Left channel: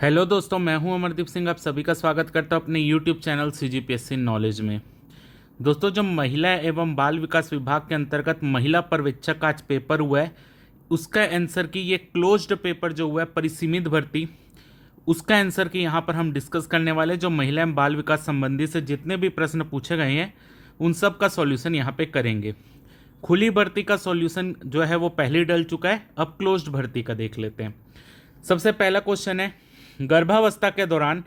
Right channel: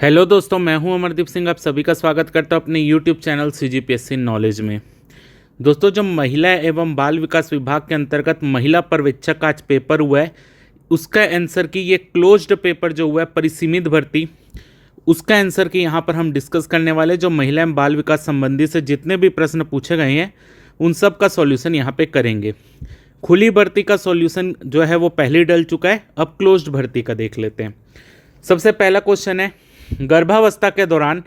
Hello दोस्तों, मैं हूं अमरदीप सिंह। आप सभी का स्वागत करता हूं अपने यूट्यूब चैनल सीजीपीएससी नॉलेज में। दोस्तों, जो महिला एवं बाल विकास विभाग के अंतर्गत महिला पर्यवेक्षक का आज पेपर हुआ है, उसका आंसर की ये क्लोज्ड पेपर जो हुआ है परिसीमित भर्ती, उसका आंसर की यहाँ पर हम डिस्कस करने वाले। जो महिला एवं बाल विकास संबंधी से जितने भी प्रश्न पूछे गए हैं उन सब का सॉल्यूशन यहाँ पे करेंगे। खुली भर्ती का सॉल्यूशन जो है वो पहले ही डल चुका है, अब क्लोज्ड भर्ती का देख लेते हैं। सबसे पहला क्वेश्चन है, गर्भावस्था के दौरान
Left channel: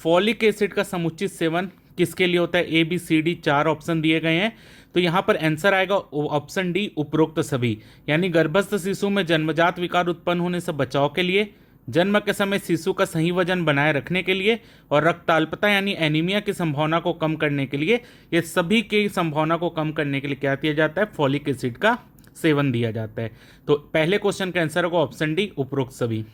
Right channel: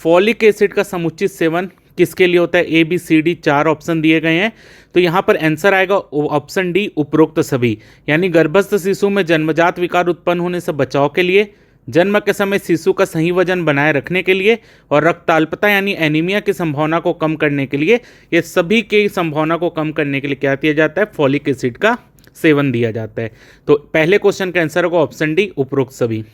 फॉलिक एसिड का समुचित सेवन किसके लिए होता है? ए बी सी डी, चार ऑप्शन दिए गए हैं। तो यहाँ पर आंसर आएगा ऑप्शन डी, उपरोक्त सभी। यानी गर्भस्थ शिशु में जन्मजात विकार उत्पन्न होने से बचाव के लिए, जन्म के समय शिशु का सही वजन बनाए रखने के लिए, और रक्ताल्पता यानी एनीमिया की संभावना को कम करने के लिए। ये सभी की संभावना को कम करने के लिए क्या दिया जाता है? फॉलिक एसिड का सेवन दिया जाता है। तो पहले क्वेश्चन का आंसर होगा ऑप्शन डी, उपरोक्त सभी।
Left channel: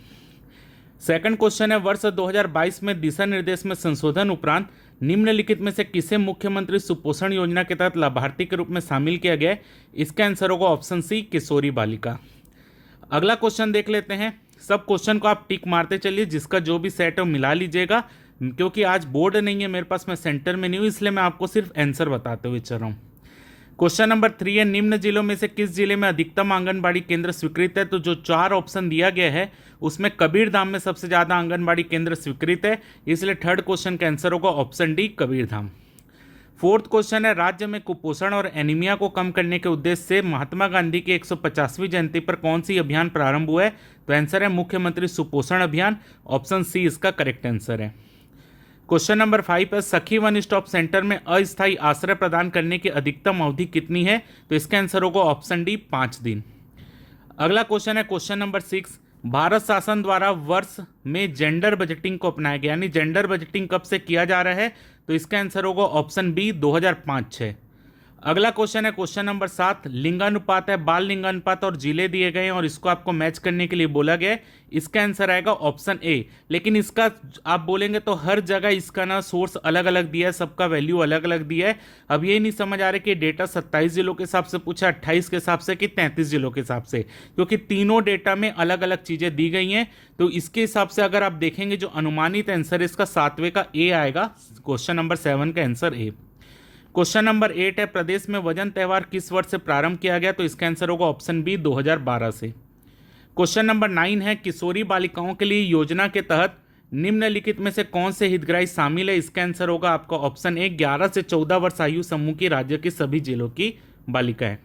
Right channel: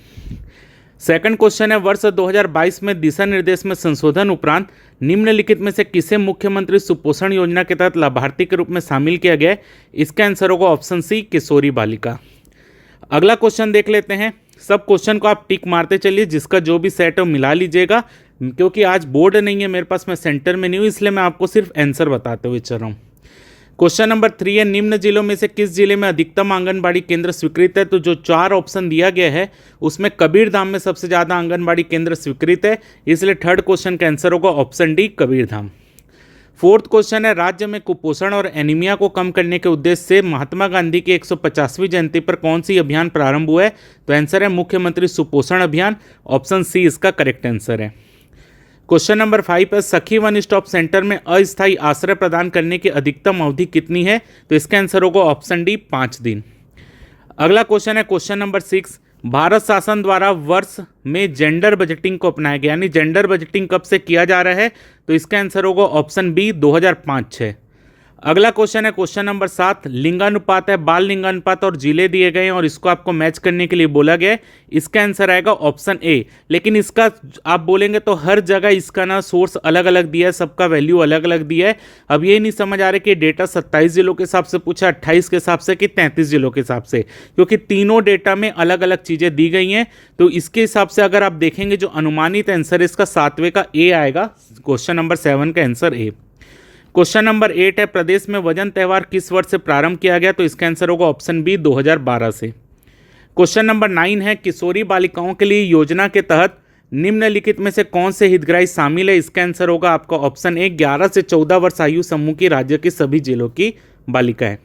सेकंड क्वेश्चन है, वर्ष 2022 में दिशा निर्देश में संशोधन उपरांत निम्नलिखित में से किसे मुख्यमंत्री सुपोषण योजना के तहत लाभार्थी के रूप में शामिल किया गया है? इसका आंसर होगा ऑप्शन सी, किशोरी बालिका। अगला क्वेश्चन देख लेते हैं। सब क्वेश्चन को आप टिक मारते चलिए, जिसका जो भी सेट है मिला लीजिएगा। क्योंकि आज बोर्ड नहीं है मेरे पास, मैं सेंटर में नहीं हूँ, इसलिए मैं आपको सिर्फ आंसर बताते हुए चल रहा हूँ। क्वेश्चन नंबर 3 है, निम्न जिलों में से किस जिले में अधिकतम आंगनबाड़ी केंद्र स्वीकृत है? तो जो चार ऑप्शन दिया गया है उसमें कबीरधाम में सबसे ज्यादा आंगनबाड़ी केंद्र स्वीकृत है, इसलिए थर्ड क्वेश्चन का आंसर होगा option D, Kabirdham. Fourth question है, राज्य में कुपोषण और एनीमिया को कम करने के उद्देश्य से महात्मा गांधी की 150वीं जयंती पर कौन सी अभियान प्रारंभ हुआ है? तो आंसर है मुख्यमंत्री सुपोषण अभियान, ऑप्शन सी इसका करेक्ट आंसर है। क्वेश्चन नंबर 5 है, सखी वन स्टॉप सेंटर में अस्थायी आश्रय प्रदान करने की अधिकतम अवधि कितनी है? तो इसका आंसर होगा ऑप्शन डी, 5 दिन। अगला क्वेश्चन है क्वेश्चन नंबर 6, भारत शासन द्वारा वर्ष में जेंडर बजटिंग को अपनाया गया, यानी जेंडर बजटिंग कब से किया जा रहा है? तो इसका आंसर होगा ऑप्शन बी, 2005-06। अगला क्वेश्चन है क्वेश्चन नंबर 7, लिंगानुपात है, बाल लिंगानुपात और जिले दिए गए हैं और इसको आपको मैच करने के लिए बोला गया है। इसका आंसर आएगा ऑप्शन ए। लेकिन इसका आप बोलेंगे तो हर जगह इसका ना सोर्स अलग अलग दिया है, सबका वैल्यू अलग अलग दिया है। अब ये नहीं समझ आ रहा कि डेटा 27 जिलों के हिसाब से पूछा, 28 के हिसाब से कि 33 जिलों के हिसाब से, क्योंकि तीनों डेटा में अलग अलग चीज़ें दी गई हैं। तो इसके हिसाब से अगर आप देखेंगे जो अनुमानित आंसर इसका 7वें का ए आएगा, क्वेश्चन नंबर 7 का आंसर ए। क्वेश्चन नंबर 8 है, प्रदेश में वजन त्यौहार किस वर्ष से प्रारंभ किया गया? तो इसका आंसर होगा ऑप्शन बी, 2012 से। क्वेश्चन नंबर 9 है, किशोरी बालिकाओं के लिए योजना के तहत निम्नलिखित में से कौन से हितग्राही शामिल है? इसका आंसर होगा आपका ऑप्शन ए, 11 से 14 वर्ष आयु समूह की राज्य की सभी जिलों की बालिकाएं।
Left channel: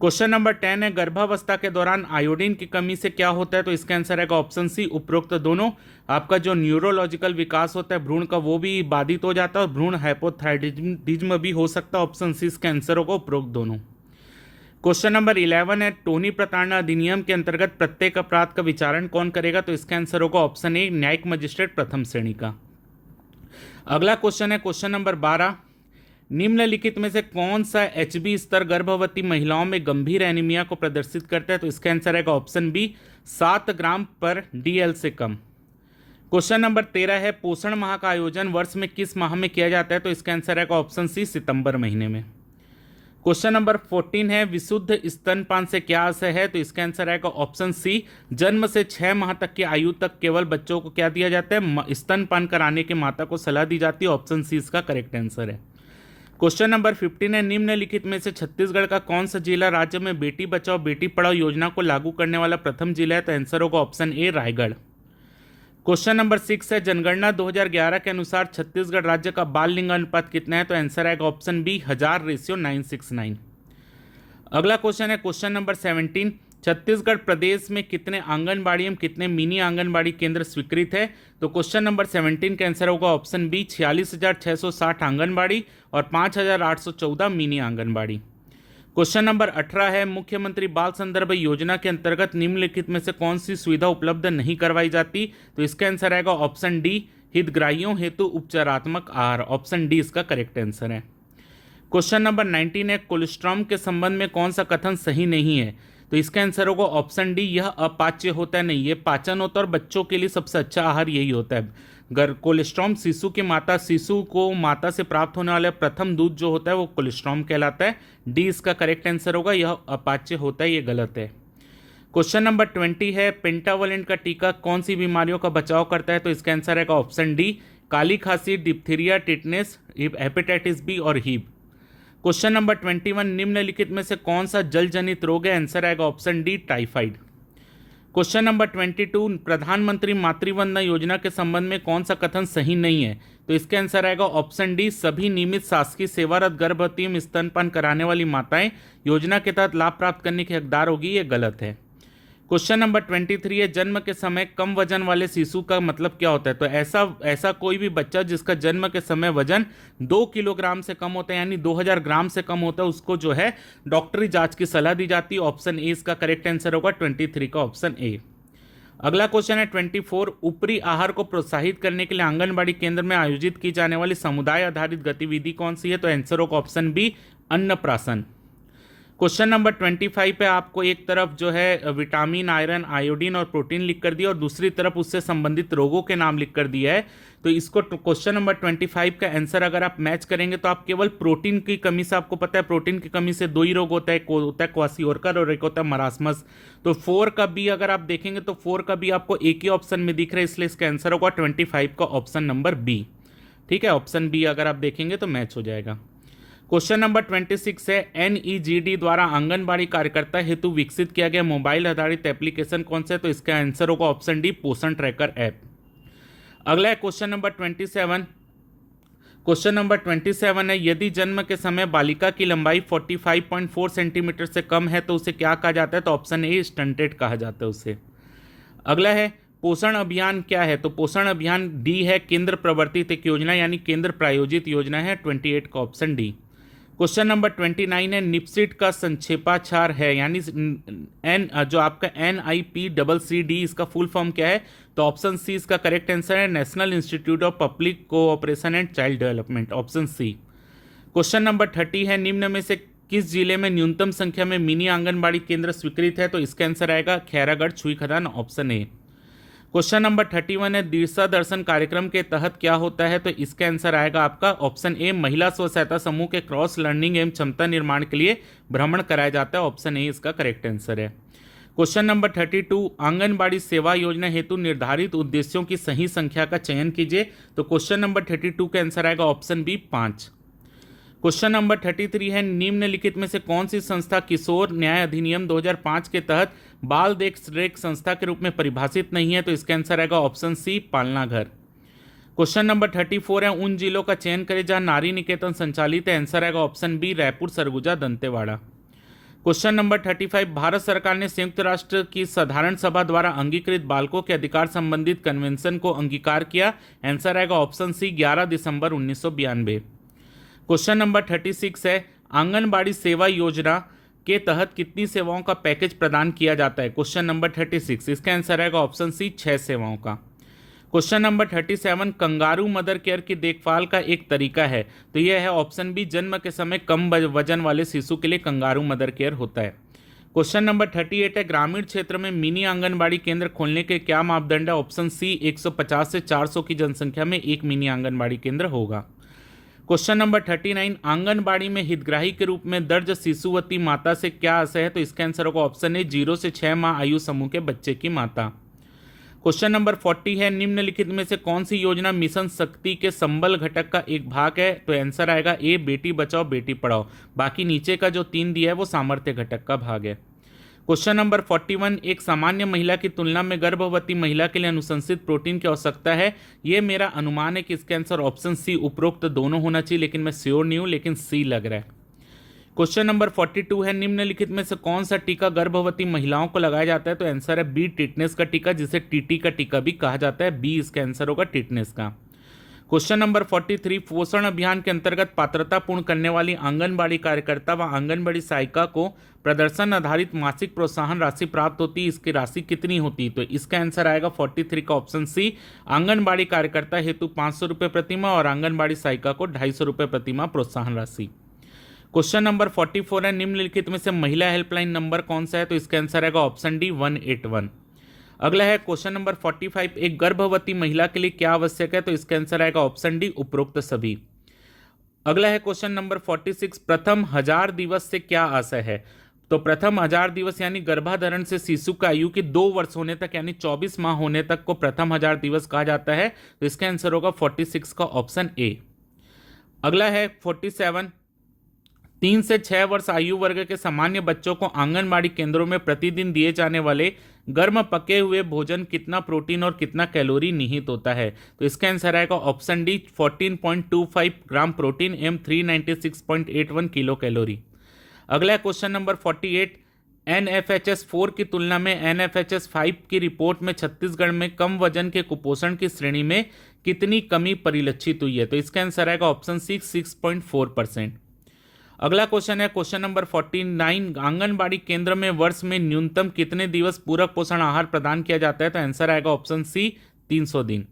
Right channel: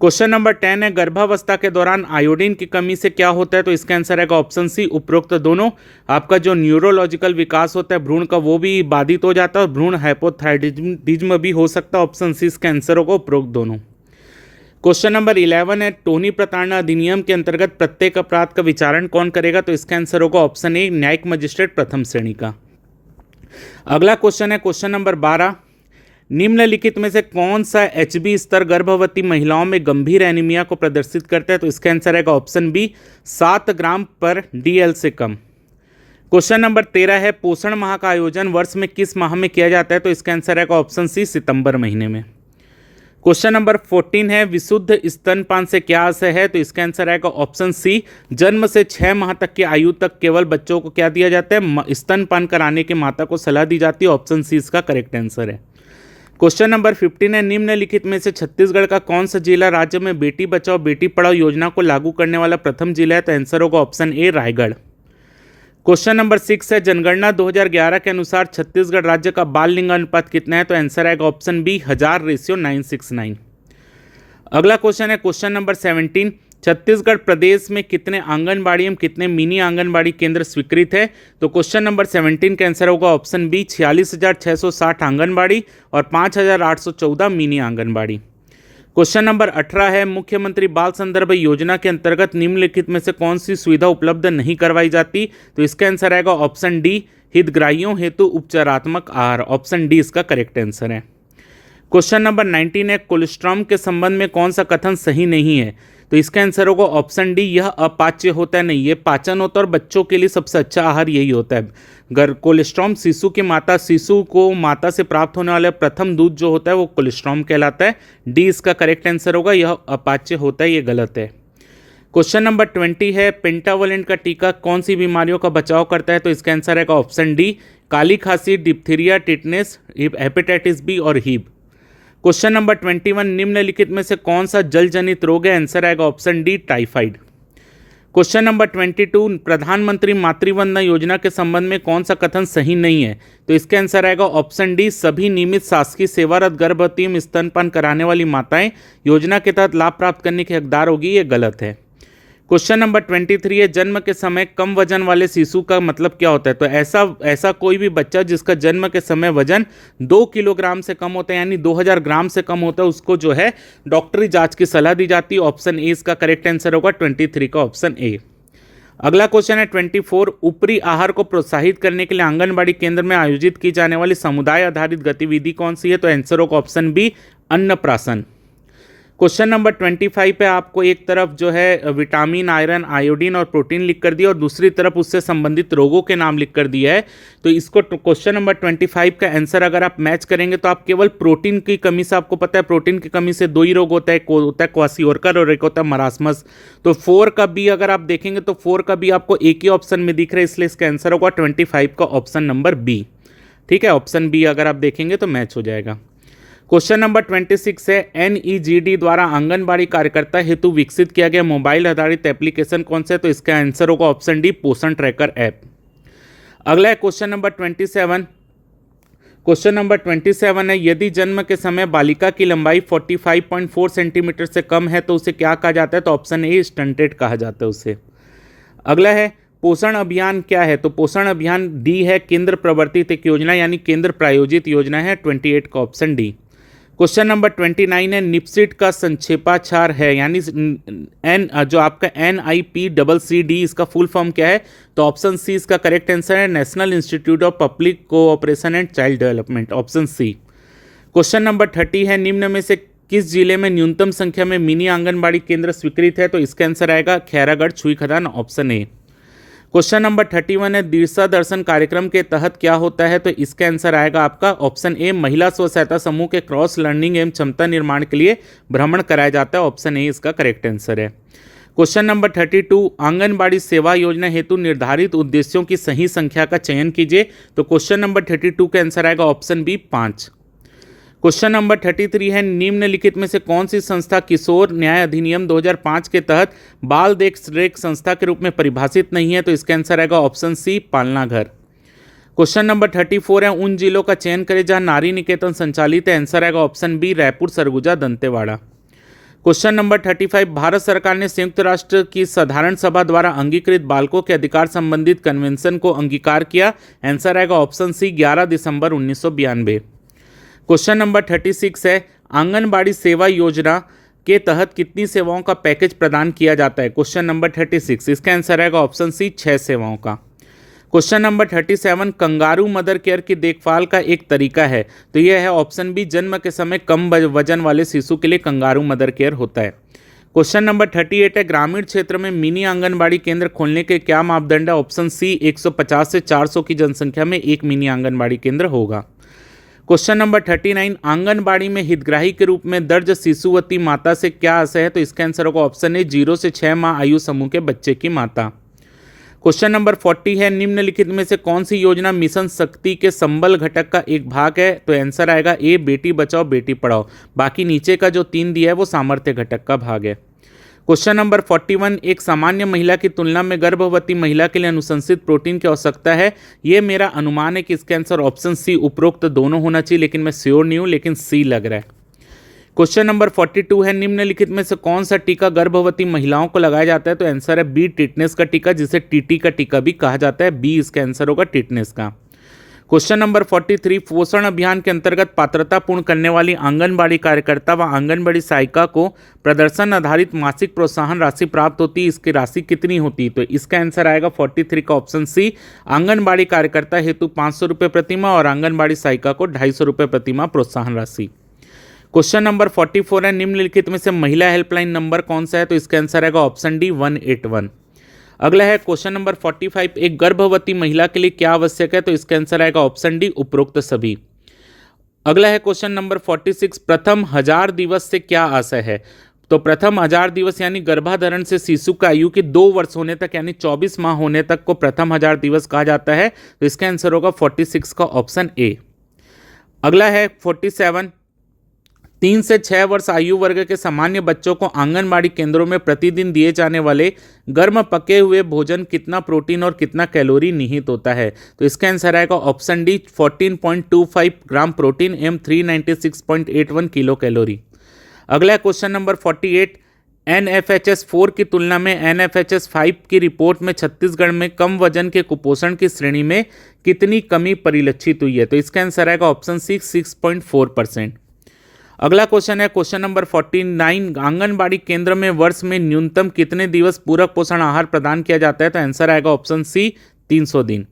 क्वेश्चन नंबर 10 है, गर्भावस्था के दौरान आयोडीन की कमी से क्या होता है? तो इसका आंसर है ऑप्शन सी, उपरोक्त दोनों। आपका जो न्यूरोलॉजिकल विकास होता है भ्रूण का, वो भी बाधित हो जाता है और भ्रूण हाइपोथायराइडिज्म भी हो सकता है। ऑप्शन सी इसका आंसर होगा, उपरोक्त दोनों। क्वेश्चन नंबर 11 है, टोनी प्रताड़ना अधिनियम के अंतर्गत प्रत्येक अपराध का विचारण कौन करेगा? तो इसका आंसर होगा ऑप्शन ए, न्यायिक मजिस्ट्रेट प्रथम श्रेणी का। अगला क्वेश्चन है क्वेश्चन नंबर 12, निम्नलिखित में से कौन सा एचबी स्तर गर्भवती महिलाओं में गंभीर एनीमिया को प्रदर्शित करता है? तो इसका आंसर है ऑप्शन बी, 7 ग्राम पर डीएल से कम। क्वेश्चन नंबर 13 है, पोषण माह का आयोजन वर्ष में किस माह में किया जाता है? तो इसका आंसर है ऑप्शन सी, सितंबर महीने में। क्वेश्चन नंबर 14 है, विशुद्ध स्तनपान से क्या आशय है? तो इसका आंसर आएगा ऑप्शन सी, जन्म से 6 माह तक की आयु तक केवल बच्चों को क्या दिया जाता है? स्तनपान कराने की माता को सलाह दी जाती है। ऑप्शन सी इसका करेक्ट आंसर है। क्वेश्चन नंबर 15 है, निम्नलिखित में से छत्तीसगढ़ का कौन सा जिला राज्य में बेटी बचाओ बेटी पढ़ाओ योजना को लागू करने वाला प्रथम जिला है? तो आंसर होगा option A, Raigarh. Question number 6 है, जनगणना 2011 के अनुसार छत्तीसगढ़ राज्य का बाल लिंगानुपात कितना है? तो आंसर आएगा ऑप्शन बी, 1000:969। अगला क्वेश्चन है क्वेश्चन नंबर 17, छत्तीसगढ़ प्रदेश में कितने आंगनबाड़ी एवं कितने मिनी आंगनबाड़ी केंद्र स्वीकृत है? तो क्वेश्चन नंबर 17 का आंसर होगा ऑप्शन बी, 46,660 आंगनबाड़ी और 5,814 मिनी आंगनबाड़ी। क्वेश्चन नंबर 18 है, मुख्यमंत्री बाल संदर्भ योजना के अंतर्गत निम्नलिखित में से कौन सी सुविधा उपलब्ध नहीं करवाई जाती? तो इसका आंसर आएगा ऑप्शन डी, हितग्राहियों हेतु उपचारात्मक आहार। ऑप्शन डी इसका करेक्ट आंसर है। क्वेश्चन नंबर 19 है, कोलेस्ट्रॉम के संबंध में कौन सा कथन सही नहीं है? तो इसका आंसर होगा ऑप्शन डी, यह अपाच्य होता है। नहीं, ये पाचन होता है और बच्चों के लिए सबसे अच्छा आहार यही होता है। कोलेस्ट्रॉम शिशु को माता से प्राप्त होने वाला प्रथम दूध जो होता है वो कोलेस्ट्रॉम कहलाता है। डी इसका करेक्ट आंसर होगा, यह अपाच्य होता है, ये गलत है। क्वेश्चन नंबर 20 है, पेंटावलेंट का टीका कौन सी बीमारियों का बचाव करता है? तो इसका आंसर है ऑप्शन डी, काली खांसी, डिप्थीरिया, टिटनेस, हेपेटाइटिस बी और हीब। क्वेश्चन नंबर 21, निम्नलिखित में से कौन सा जल जनित रोग है? आंसर आएगा option D, typhoid. Question number 22, प्रधानमंत्री मातृवंदना योजना के संबंध में कौन सा कथन सही नहीं है? तो इसका आंसर आएगा ऑप्शन डी, सभी नियमित शासकीय सेवारत गर्भवती एवं स्तनपान कराने वाली माताएं योजना के तहत लाभ प्राप्त करने के हकदार होगी। ये गलत है। क्वेश्चन नंबर 23 है, जन्म के समय कम वजन वाले शिशु का मतलब क्या होता है? तो ऐसा कोई भी बच्चा जिसका जन्म के समय वजन 2 किलोग्राम से कम होता है, यानी 2000 ग्राम से कम होता है, उसको जो है डॉक्टरी जांच की सलाह दी जाती है। ऑप्शन ए इसका करेक्ट आंसर होगा, 23 का ऑप्शन ए। अगला क्वेश्चन है 24, ऊपरी आहार को प्रोत्साहित करने के लिए आंगनबाड़ी केंद्र में आयोजित की जाने वाली समुदाय आधारित गतिविधि कौन सी है? तो आंसर होगा ऑप्शन बी, अन्नप्राशन। क्वेश्चन नंबर 25 पे आपको एक तरफ जो है विटामिन, आयरन, आयोडीन और प्रोटीन लिख कर दिया और दूसरी तरफ उससे संबंधित रोगों के नाम लिख कर दिया है। तो इसको क्वेश्चन नंबर 25 का आंसर अगर आप मैच करेंगे तो आप केवल प्रोटीन की कमी से, आपको पता है प्रोटीन की कमी से 2 ही रोग होता है, एक होता है क्वासियोरकर और एक होता है मरासमस। तो 4 का बी अगर आप देखेंगे तो 4 का बी आपको एक ही ऑप्शन में दिख रहा है, इसलिए इसका आंसर होगा 25 का ऑप्शन नंबर बी। ठीक है, ऑप्शन बी अगर आप देखेंगे तो मैच हो जाएगा। क्वेश्चन नंबर 26 है, NEGD द्वारा आंगनबाड़ी कार्यकर्ता हेतु विकसित किया गया मोबाइल आधारित एप्लीकेशन कौन सा है? तो इसका आंसर होगा ऑप्शन डी, पोषण ट्रैकर ऐप। अगला है क्वेश्चन नंबर 27। क्वेश्चन नंबर 27 है, यदि जन्म के समय बालिका की लंबाई 45.4 सेंटीमीटर से कम है तो उसे क्या कहा जाता है? तो ऑप्शन ए, स्टंटेड कहा जाता है उसे। अगला है, पोषण अभियान क्या है? तो पोषण अभियान डी है, केंद्र प्रवर्तित एक योजना यानी केंद्र प्रायोजित योजना है, 28 का ऑप्शन डी। क्वेश्चन नंबर 29 है, निपसिट का संक्षेपाक्षर है यानी जो आपका NIPCCD, इसका फुल फॉर्म क्या है? तो ऑप्शन सी इसका करेक्ट आंसर है, national institute of public cooperation and child development, option C. Question number 30 है, निम्न में से किस जिले में न्यूनतम संख्या में मिनी आंगनबाड़ी केंद्र स्वीकृत है? तो इसका आंसर आएगा Khairagarh, Chhuikhadan, option A. Question number 31 है, दिशा दर्शन कार्यक्रम के तहत क्या होता है? तो इसका आंसर आएगा आपका ऑप्शन ए, महिला स्व सहायता समूह के क्रॉस लर्निंग एवं क्षमता निर्माण के लिए भ्रमण कराया जाता है, ऑप्शन ए इसका करेक्ट आंसर है। क्वेश्चन नंबर 32, आंगनबाड़ी सेवा योजना हेतु निर्धारित उद्देश्यों की सही संख्या का चयन कीजिए। तो क्वेश्चन नंबर 32 का आंसर आएगा ऑप्शन बी, 5। क्वेश्चन नंबर 33 है, निम्नलिखित में से कौन सी संस्था किशोर न्याय अधिनियम 2005 के तहत बाल देख रेख संस्था के रूप में परिभाषित नहीं है? तो इसका आंसर आएगा ऑप्शन सी, पालना घर। क्वेश्चन नंबर 34 है, उन जिलों का चयन करें जहां नारी निकेतन संचालित है, आंसर आएगा option B, Raipur, Surguja, Dantewada. Question number 35, Bharat सरकार ने संयुक्त राष्ट्र की साधारण सभा द्वारा अंगीकृत बालकों के अधिकार संबंधित कन्वेंशन को अंगीकार किया, आंसर आएगा ऑप्शन सी, 11 दिसंबर 1992। क्वेश्चन नंबर 36 है, आंगनबाड़ी सेवा योजना के तहत कितनी सेवाओं का पैकेज प्रदान किया जाता है? क्वेश्चन नंबर 36, इसका आंसर आएगा ऑप्शन सी, 6 सेवाओं का। Question number 37, kangaroo mother care की देखभाल का एक तरीका है, तो यह है ऑप्शन बी, जन्म के समय कम वजन वाले शिशु के लिए कंगारू मदर केयर होता है। क्वेश्चन नंबर 38 है, ग्रामीण क्षेत्र में मिनी आंगनबाड़ी केंद्र खोलने के क्या मापदंड है? ऑप्शन सी, 150 से 400 की जनसंख्या में एक मिनी आंगनबाड़ी केंद्र होगा। क्वेश्चन नंबर 39, आंगनबाड़ी में हितग्राही के रूप में दर्ज शिशुवती माता से क्या आशय है? तो इसका आंसर होगा ऑप्शन ए, 0 से 6 माह आयु समूह के बच्चे की माता। क्वेश्चन नंबर 40 है, निम्नलिखित में से कौन सी योजना मिशन शक्ति के संबल घटक का एक भाग है? तो आंसर आएगा ए, बेटी बचाओ बेटी पढ़ाओ। बाकी नीचे का जो 3 दिया है वो सामर्थ्य घटक का भाग है। क्वेश्चन नंबर 41, एक सामान्य महिला की तुलना में गर्भवती महिला के लिए अनुशंसित प्रोटीन की आवश्यकता है, ये मेरा अनुमान है कि इसका आंसर ऑप्शन सी, उपरोक्त दोनों होना चाहिए, लेकिन मैं श्योर नहीं हूं, लेकिन सी लग रहा है। क्वेश्चन नंबर 42 है, निम्नलिखित में से कौन सा टीका गर्भवती महिलाओं को लगाया जाता है? तो आंसर है बी, टिटनेस का टीका, जिसे टीटी का टीका भी कहा जाता है, बी इसका आंसर होगा, टिटनेस का। क्वेश्चन नंबर 43, पोषण अभियान के अंतर्गत पात्रता पूर्ण करने वाली आंगनबाड़ी कार्यकर्ता व आंगनबाड़ी सहायिका को प्रदर्शन आधारित मासिक प्रोत्साहन राशि प्राप्त होती है, इसकी राशि कितनी होती है? तो इसका आंसर आएगा 43 का ऑप्शन सी, आंगनबाड़ी कार्यकर्ता हेतु 500 रुपये प्रतिमाह और आंगनबाड़ी सहायिका को 250 रुपये प्रतिमाह प्रोत्साहन राशि। क्वेश्चन नंबर 44 है, निम्नलिखित में से महिला हेल्पलाइन नंबर कौन सा है? तो इसका आंसर आएगा ऑप्शन डी, 181। अगला है क्वेश्चन नंबर 45, एक गर्भवती महिला के लिए क्या आवश्यक है? तो इसका आंसर आएगा ऑप्शन डी, उपरोक्त सभी। अगला है क्वेश्चन नंबर 46, प्रथम 1000 दिवस से क्या आशय है? तो प्रथम 1000 दिवस यानी गर्भाधारण से शिशु की आयु की 2 वर्ष होने तक यानी 24 माह होने तक को प्रथम 1000 दिवस कहा जाता है। तो इसका आंसर होगा 46 का ऑप्शन ए। अगला है 47, 3 से 6 वर्ष आयु वर्ग के सामान्य बच्चों को आंगनबाड़ी केंद्रों में प्रतिदिन दिए जाने वाले गर्म पके हुए भोजन कितना प्रोटीन और कितना कैलोरी निहित होता है। तो इसका आंसर आएगा ऑप्शन डी 14.25 ग्राम प्रोटीन एम 396.81 किलो कैलोरी। अगला क्वेश्चन नंबर 48, NFHS 4 की तुलना में NFHS 5 की रिपोर्ट में छत्तीसगढ़ में कम वजन के कुपोषण की श्रेणी में कितनी कमी परिलक्षित हुई है। तो इसका आंसर आएगा ऑप्शन सी 6.4%। अगला क्वेश्चन है क्वेश्चन नंबर 49, आंगनबाड़ी केंद्र में वर्ष में न्यूनतम कितने दिवस पूरक पोषण आहार प्रदान किया जाता है। तो आंसर आएगा ऑप्शन सी 300 दिन।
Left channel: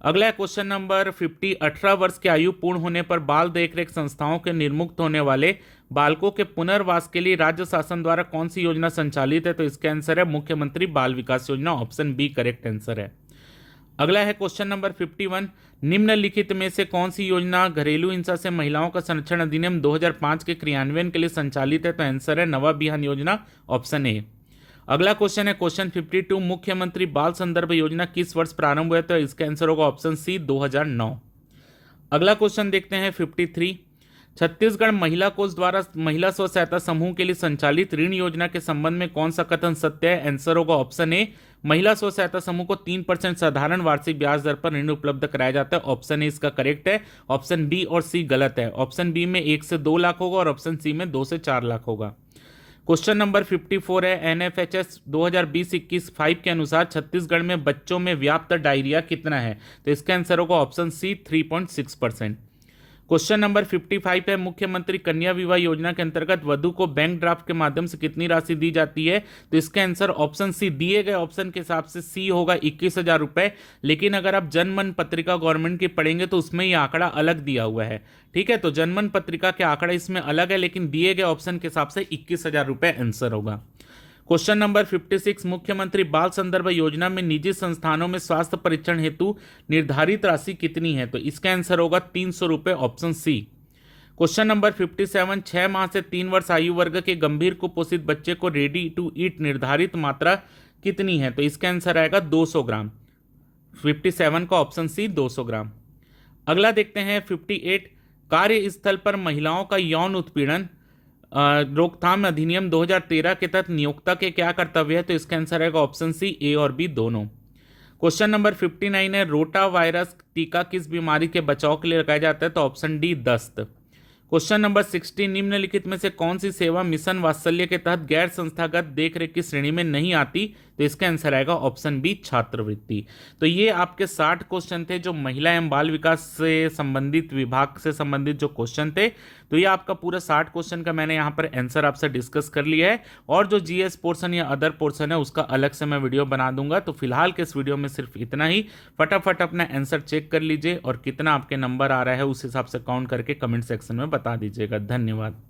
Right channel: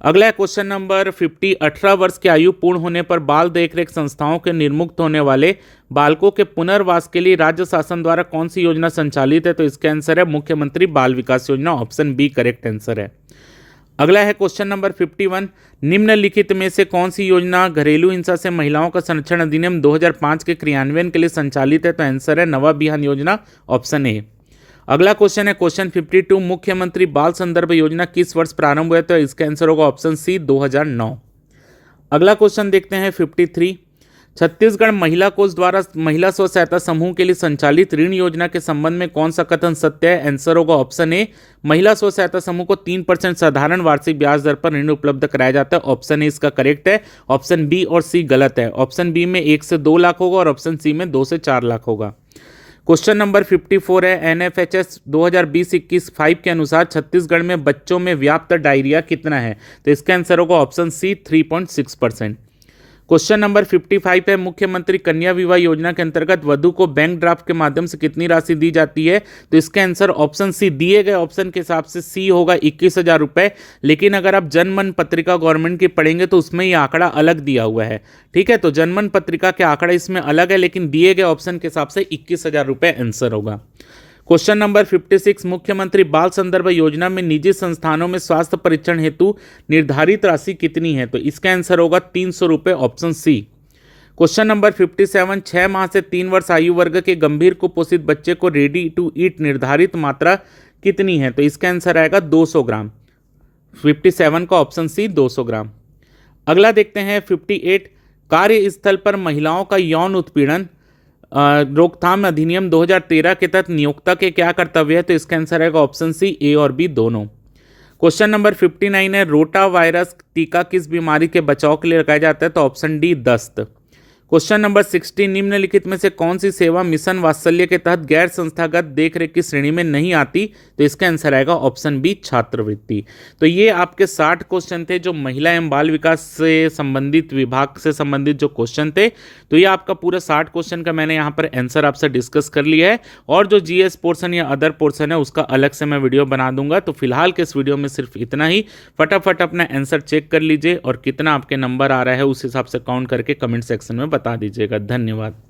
अगला क्वेश्चन नंबर 50, 18 वर्ष की आयु पूर्ण होने पर बाल देखरेख संस्थाओं के निर्मुक्त होने वाले बालकों के पुनर्वास के लिए राज्य शासन द्वारा कौन सी योजना संचालित है। तो इसका आंसर है मुख्यमंत्री बाल विकास योजना, ऑप्शन बी करेक्ट आंसर है। अगला है क्वेश्चन नंबर 51, निम्नलिखित में से कौन सी योजना घरेलू हिंसा से महिलाओं का संरक्षण अधिनियम 2005 के क्रियान्वयन के लिए संचालित है। तो आंसर है नवा बिहान योजना, ऑप्शन ए। अगला क्वेश्चन है क्वेश्चन 52, मुख्यमंत्री बाल संदर्भ योजना किस वर्ष प्रारंभ हुआ। तो इसका आंसर होगा ऑप्शन सी 2009। अगला क्वेश्चन देखते हैं 53, छत्तीसगढ़ महिला कोष द्वारा महिला स्व सहायता समूह के लिए संचालित ऋण योजना के संबंध में कौन सा कथन सत्य है। आंसर होगा ऑप्शन ए, महिला स्व सहायता समूह को 3% साधारण वार्षिक ब्याज दर पर ऋण उपलब्ध कराया जाता है। ऑप्शन ए इसका करेक्ट है। ऑप्शन बी और सी गलत है। ऑप्शन बी में 1 से 2 लाख होगा और ऑप्शन सी में 2 से 4 लाख होगा। क्वेश्चन नंबर 54 है NFHS 2020-21 5 के अनुसार छत्तीसगढ़ में बच्चों में व्याप्त डायरिया कितना है। तो इसका आंसर होगा ऑप्शन सी 3.6%। क्वेश्चन नंबर 55 है मुख्यमंत्री कन्या विवाह योजना के अंतर्गत वधु को बैंक ड्राफ्ट के माध्यम से कितनी राशि दी जाती है। तो इसका आंसर ऑप्शन सी, दिए गए ऑप्शन के हिसाब से सी होगा 21,000 रुपये। लेकिन अगर आप जनमन पत्रिका गवर्नमेंट की पढ़ेंगे तो उसमें ये आंकड़ा अलग दिया हुआ है। ठीक है, तो जनमन पत्रिका के आंकड़ा इसमें अलग है, लेकिन दिए गए ऑप्शन के हिसाब से 21,000 रुपये आंसर होगा। क्वेश्चन नंबर 56, मुख्यमंत्री बाल संदर्भ योजना में निजी संस्थानों में स्वास्थ्य परीक्षण हेतु निर्धारित राशि कितनी है। तो इसका आंसर होगा 300 रुपये, ऑप्शन सी। क्वेश्चन नंबर 57, 6 माह से 3 वर्ष आयु वर्ग के गंभीर कुपोषित बच्चे को रेडी टू ईट निर्धारित मात्रा कितनी है। तो इसका आंसर आएगा 200 ग्राम। 57 का ऑप्शन सी 200 ग्राम। अगला देखते हैं 58, कार्यस्थल पर महिलाओं का यौन उत्पीड़न रोकथाम अधिनियम 2013 के तहत नियोक्ता के क्या कर्तव्य है। तो इसका आंसर आएगा ऑप्शन सी ए और बी दोनों। क्वेश्चन नंबर 59 है रोटा वायरस टीका किस बीमारी के बचाव के लिए लगाया जाता है। तो ऑप्शन डी दस्त। क्वेश्चन नंबर 60, निम्नलिखित में से कौन सी सेवा मिशन वात्सल्य के तहत गैर संस्थागत देखरेख की श्रेणी में नहीं आती। तो इसका आंसर आएगा ऑप्शन बी छात्रवृत्ति। तो ये आपके 60 क्वेश्चन थे जो महिला एवं बाल विकास से संबंधित विभाग से संबंधित जो क्वेश्चन थे। तो ये आपका पूरा 60 क्वेश्चन का मैंने यहाँ पर आंसर आपसे डिस्कस कर लिया है। और जो जीएस पोर्सन या अदर पोर्सन है उसका अलग से मैं वीडियो बना दूंगा। तो फिलहाल के इस वीडियो में सिर्फ इतना ही। फटाफट अपना आंसर चेक कर लीजिए और कितना आपके नंबर आ रहा है उस हिसाब से काउंट करके कमेंट सेक्शन में बता दीजिएगा। धन्यवाद।